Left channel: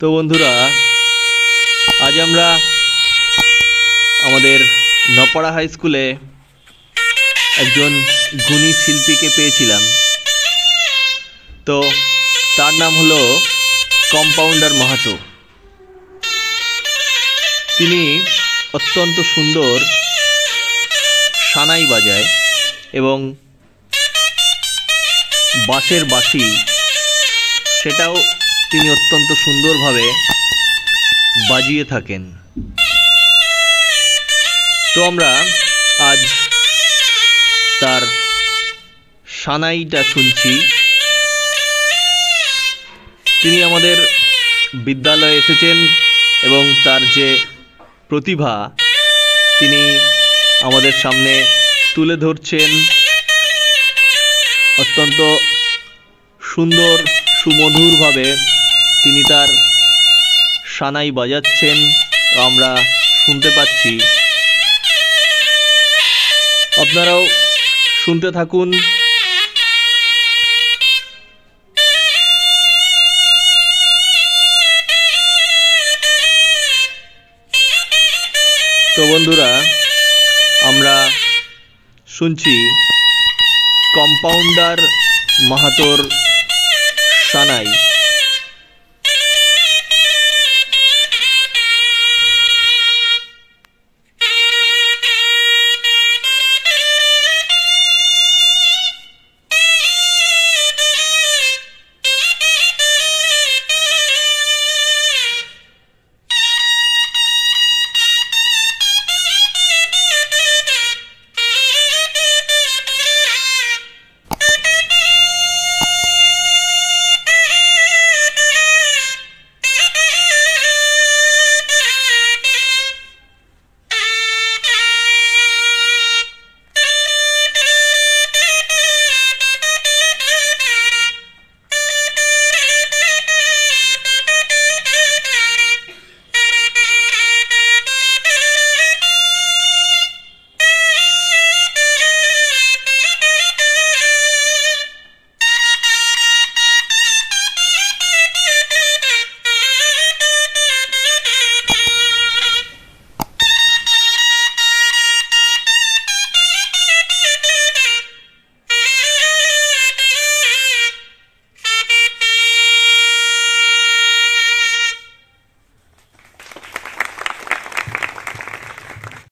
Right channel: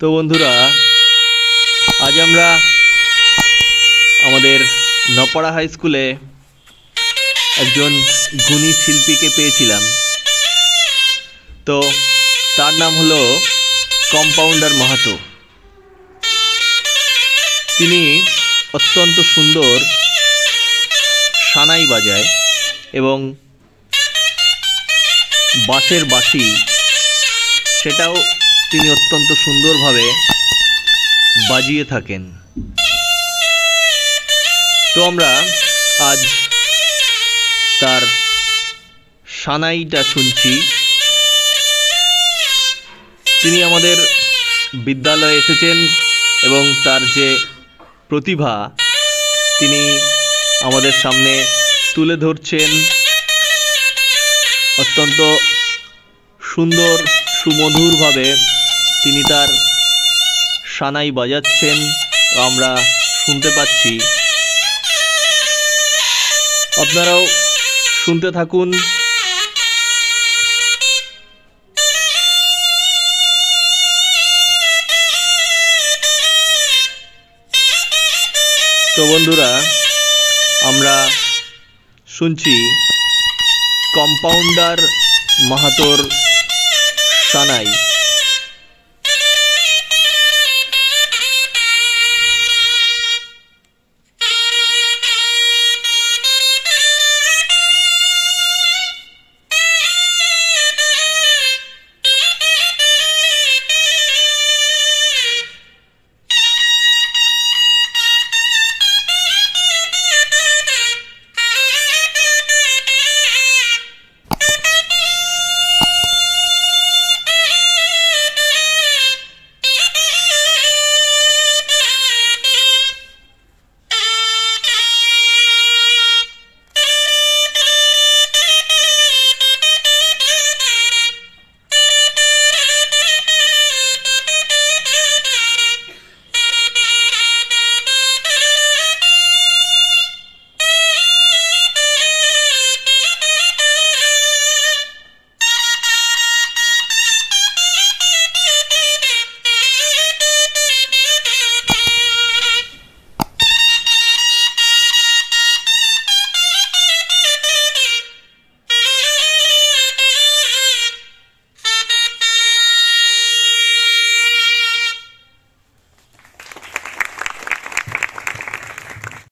তো বন্ধুরা, আজ আমরা আমাদের নপাড়া হাই স্কুলে একজন গুণী শিল্পীকে পেয়েছিলাম। তো তার নাম হলো কম্পাউন্ডার মাহাতো। তিনি অত্যন্ত সুন্দর সানাই বাজায় এবং বাঁশের বাঁশি সেটাও তিনি অত্যন্ত সুন্দরভাবে বাজিয়ে থাকেন। তো আমরা আজ তার সানাইটা শুনছি। তিনি আমাদের বিদ্যালয়ে এসেছেন এবং তার যে প্রতিভা তিনি আমাদের সামনে তুলে ধরছেন। অত্যন্ত সুন্দর সুমধুরভাবে তিনি তার সানাই বাজাচ্ছেন, আমরা শুনতে পাচ্ছি। আপনারাও শুনতে থাকুন। তো বন্ধুরা, আমরা শুনছি কম্পাউন্ডার মাহাতোর সানাই।